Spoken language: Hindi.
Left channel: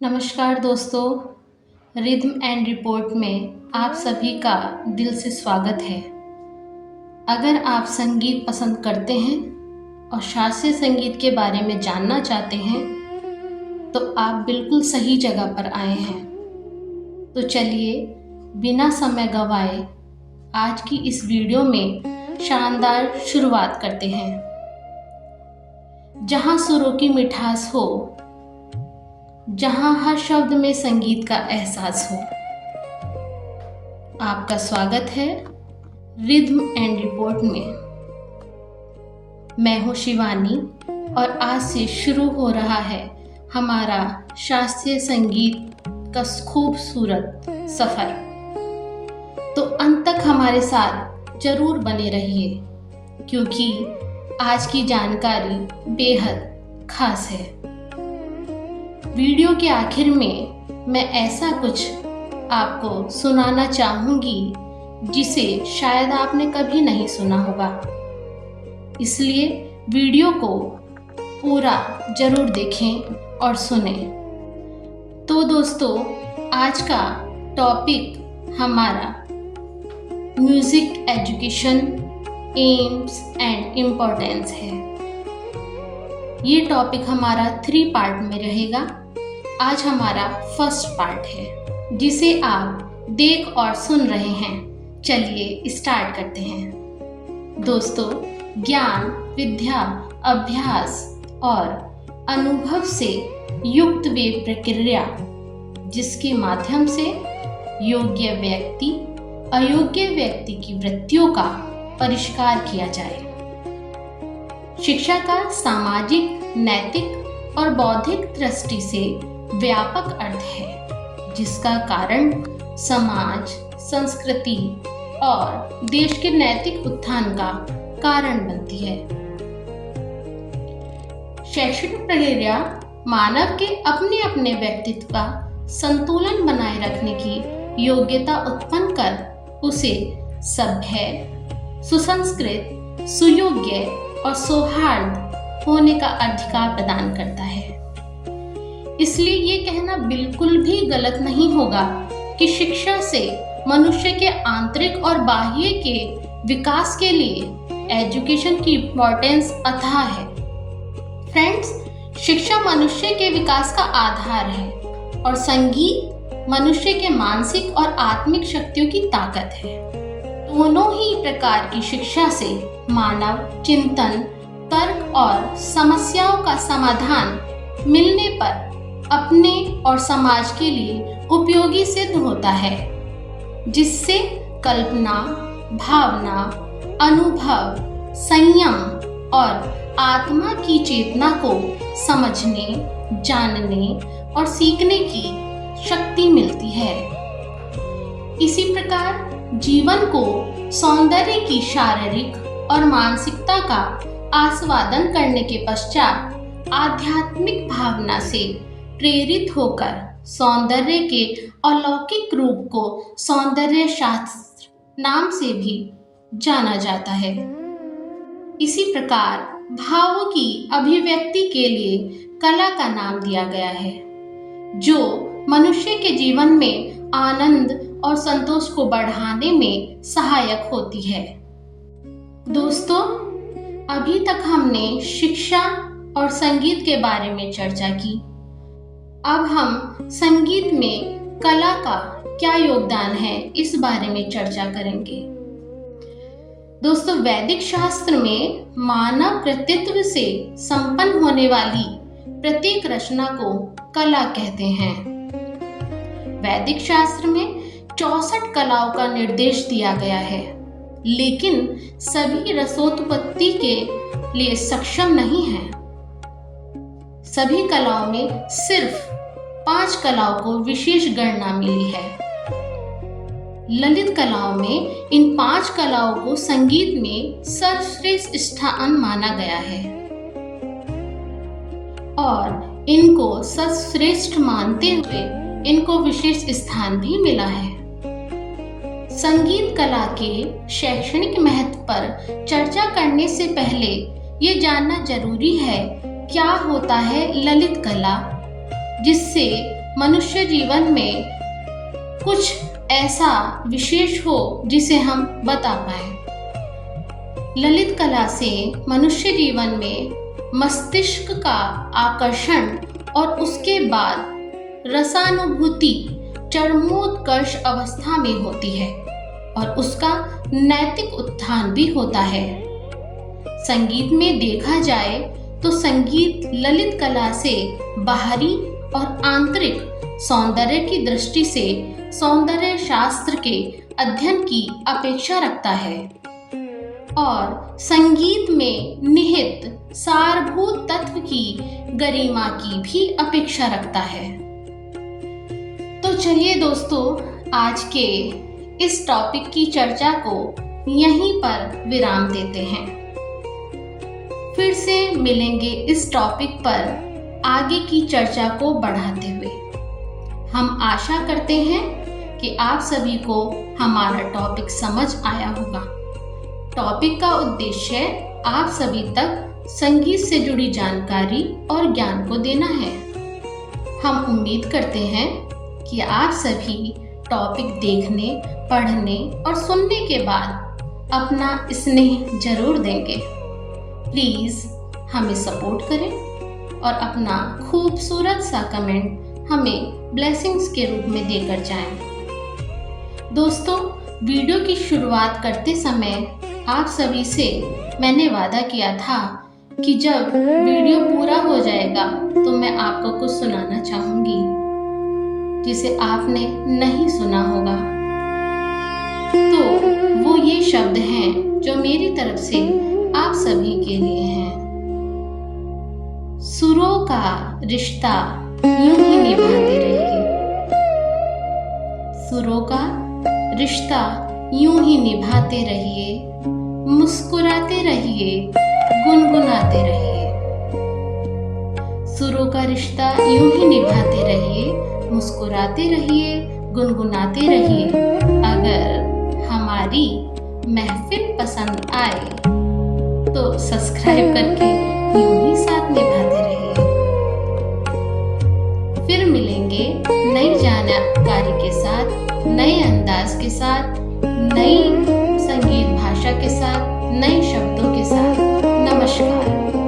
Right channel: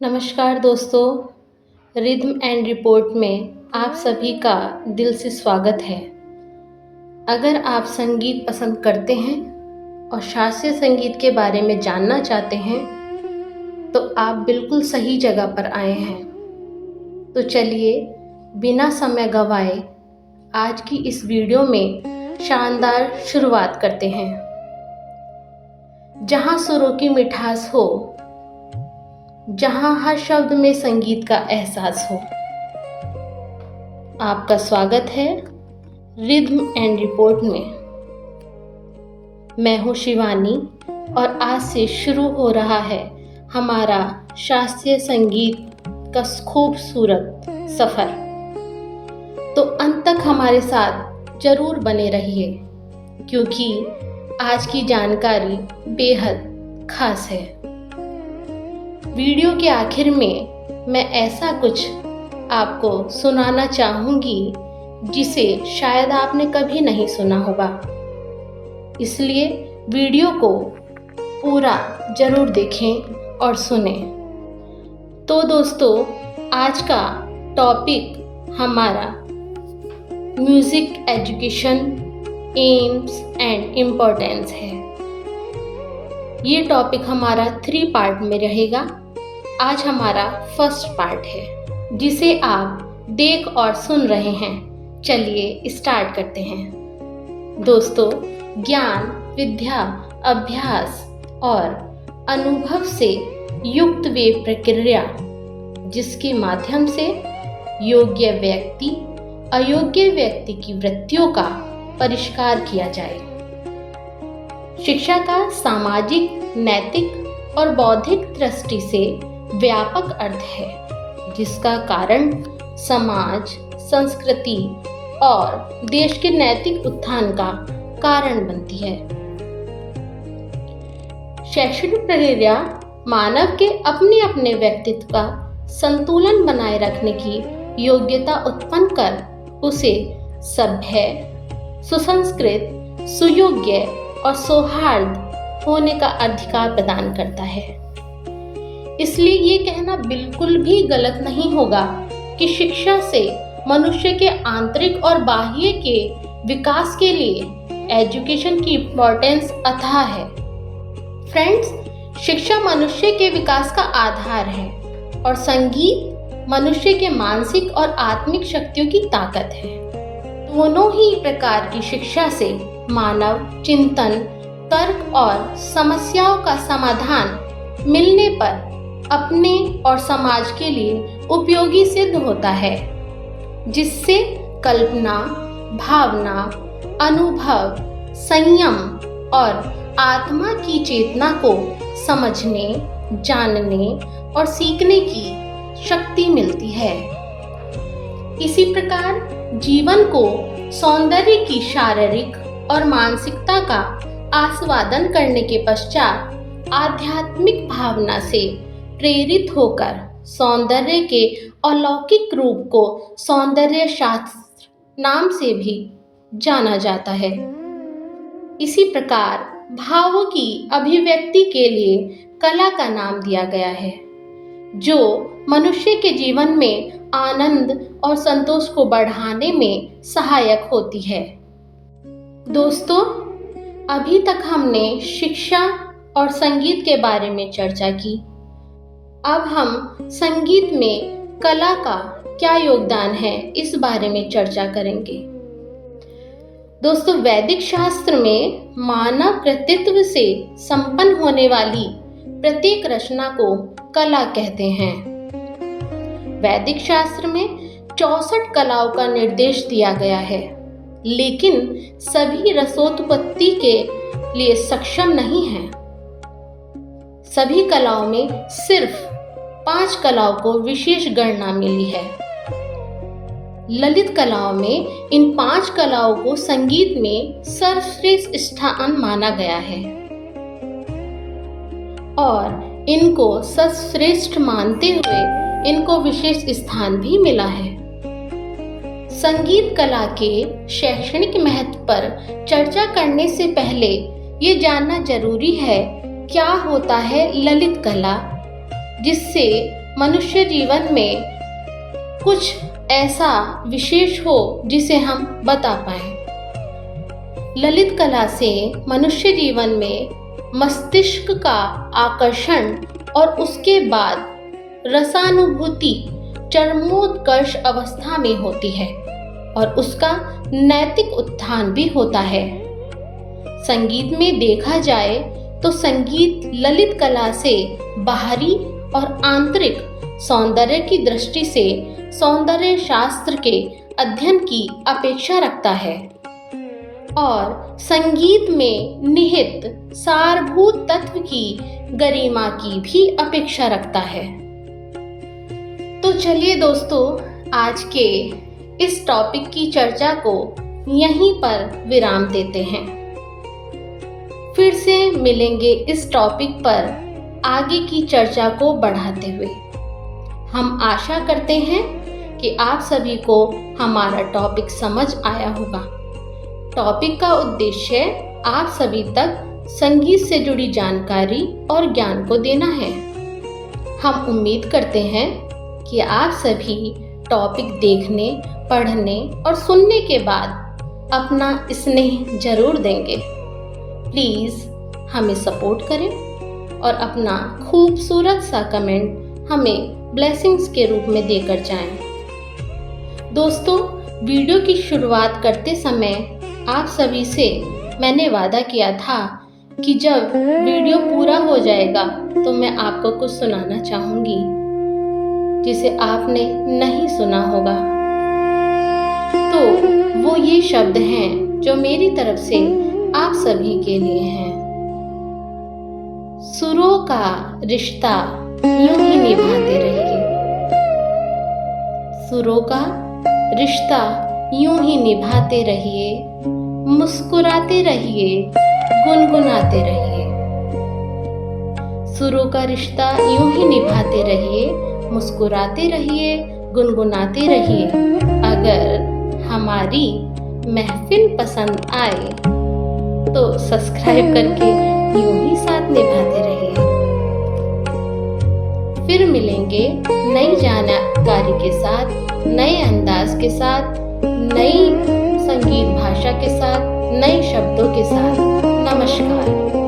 नमस्कार दोस्तों, रिदम एंड रिपोर्ट में आप सभी का दिल से स्वागत है। अगर आप संगीत पसंद करते हैं और शास्त्रीय संगीत के बारे में जानना चाहते हैं तो आप बिल्कुल सही जगह पर आए हैं। तो चलिए बिना समय गंवाए आज की इस वीडियो में शानदार शुरुआत करते हैं। जहां सुरों की मिठास हो, जहां हर शब्द में संगीत का एहसास हो। आपका स्वागत है रिदम एंड रिपोर्ट में। मैं हूं शिवानी और आज से शुरू हो रहा है हमारा शास्त्रीय संगीत का खूबसूरत सफर। तो अंत तक हमारे साथ जरूर बने रहिए क्योंकि आज की जानकारी बेहद खास है। वीडियो के आखिर में मैं ऐसा कुछ आपको सुनाना चाहूँगी जिसे शायद आपने कभी नहीं सुना होगा, इसलिए वीडियो को पूरा जरूर देखें और सुनें। तो दोस्तों, आज का टॉपिक हमारा music education AIIMS and importance है। ये टॉपिक हमारा 3 पार्ट में रहेगा। आज हमारा फर्स्ट पार्ट है जिसे आप देख और सुन रहे हैं। चलिए स्टार्ट करते हैं। दोस्तों, ज्ञान, विद्या, अभ्यास और अनुभव से युक्त वे प्रक्रिया जिसके माध्यम से योग्य व्यक्ति अयोग्य व्यक्ति की वृत्तियों का परिष्कार किया जाए। शिक्षा का सामाजिक, नैतिक और बौद्धिक दृष्टि से व्यापक अर्थ है जिसका कारण समाज, संस्कृति और देश के नैतिक उत्थान का कारण बनती है। शैक्षणिक प्रक्रिया मानव के अपने अपने व्यक्तित्व का संतुलन बनाए रखने की योग्यता उत्पन्न कर उसे सभ्य, सुसंस्कृत, सुयोग्य और सौहार्द होने का अधिकार प्रदान करता है। इसलिए ये कहना बिल्कुल भी गलत नहीं होगा कि शिक्षा से मनुष्य के आंतरिक और बाह्य के विकास के लिए एजुकेशन की इम्पोर्टेंस अथाह है। फ्रेंड्स, शिक्षा मनुष्य के विकास का आधार है और संगीत मनुष्य के मानसिक और आत्मिक शक्तियों की ताकत है। दोनों ही प्रकार की शिक्षा से मानव चिंतन, तर्क और समस्याओं का समाधान मिलने पर अपने और समाज के लिए उपयोगी सिद्ध होता है, जिससे कल्पना, भावना, अनुभव, संयम और आत्मा की चेतना को समझने, जानने और सीखने की शक्ति मिलती है। इसी प्रकार जीवन को सौंदर्य की शारीरिक और मानसिकता का आस्वादन करने के पश्चात आध्यात्मिक भावना से प्रेरित होकर सौंदर्य के अलौकिक रूप को सौंदर्य शास्त्र नाम से भी जाना जाता है। इसी प्रकार भावों की अभिव्यक्ति के लिए कला का नाम दिया गया है, जो मनुष्य के जीवन में आनंद और संतोष को बढ़ाने में सहायक होती है। दोस्तों, अभी तक हमने शिक्षा और संगीत के बारे में चर्चा की। अब हम संगीत में कला का क्या योगदान है इस बारे में चर्चा करेंगे। दोस्तों, वैदिक शास्त्र में मानव कृतित्व से संपन्न होने वाली प्रत्येक रचना को कला कहते हैं। वैदिक शास्त्र में 64 कलाओं का निर्देश दिया गया है, लेकिन सभी रसोत्पत्ति के लिए सक्षम नहीं हैं। सभी कलाओं में सिर्फ 5 कलाओं को विशेष गणना मिली है। ललित कलाओं में इन 5 कलाओं को संगीत में सर्वश्रेष्ठ स्थान माना गया है और इनको सर्वश्रेष्ठ मानते हुए इनको विशेष स्थान भी मिला है। संगीत कला के शैक्षणिक महत्व पर चर्चा करने से पहले ये जानना जरूरी है क्या होता है ललित कला, जिससे मनुष्य जीवन में कुछ ऐसा विशेष हो जिसे हम बता पाएं। ललित कला से मनुष्य जीवन में मस्तिष्क का आकर्षण और उसके बाद रसानुभूति चरमोत्कर्ष अवस्था में होती है और उसका नैतिक उत्थान भी होता है। संगीत में देखा जाए तो संगीत ललित कला से बाहरी और आंतरिक सौंदर्य की दृष्टि से सौंदर्य शास्त्र के अध्ययन की अपेक्षा रखता है और संगीत में निहित सारभूत तत्व की गरिमा की भी अपेक्षा रखता है। तो चलिए दोस्तों, आज के इस टॉपिक की चर्चा को यहीं पर विराम देते हैं। फिर से मिलेंगे इस टॉपिक पर आगे की चर्चा को बढ़ाते हुए। हम आशा करते हैं कि आप सभी को हमारा टॉपिक समझ आया होगा। टॉपिक का उद्देश्य आप सभी तक संगीत से जुड़ी जानकारी और ज्ञान को देना है। हम उम्मीद करते हैं कि आप सभी टॉपिक देखने, पढ़ने और सुनने के बाद अपना स्नेह जरूर देंगे। प्लीज़ हमें सपोर्ट करें और अपना खूबसूरत सा कमेंट हमें ब्लेसिंग्स के रूप में देकर जाएं। दोस्तों, वीडियो की शुरुआत करते समय आप सभी से मैंने वादा किया था कि जब वीडियो पूरा हो जाएगा तो मैं आपको कुछ सुनाना चाहूँगी जिसे आपने नहीं सुना होगा। तो वो ये शब्द हैं जो मेरी तरफ से आप सभी के लिए हैं। सुरों का रिश्ता यूं ही निभाते रहिए। सुरों का रिश्ता यूं ही निभाते रहिए, मुस्कुराते रहिए, गुनगुनाते रहिए। सुरों का रिश्ता यूं ही निभाते रहिए, मुस्कुराते रहिए, गुनगुनाते रहिए। अगर हमारी महफिल पसंद आए तो सब्सक्राइब करके यूं ही साथ निभाते रहिए। फिर मिलेंगे नई जानकारी के साथ, नए अंदाज के साथ, नई संगीत भाषा के साथ, नए शब्दों के साथ। नमस्कार।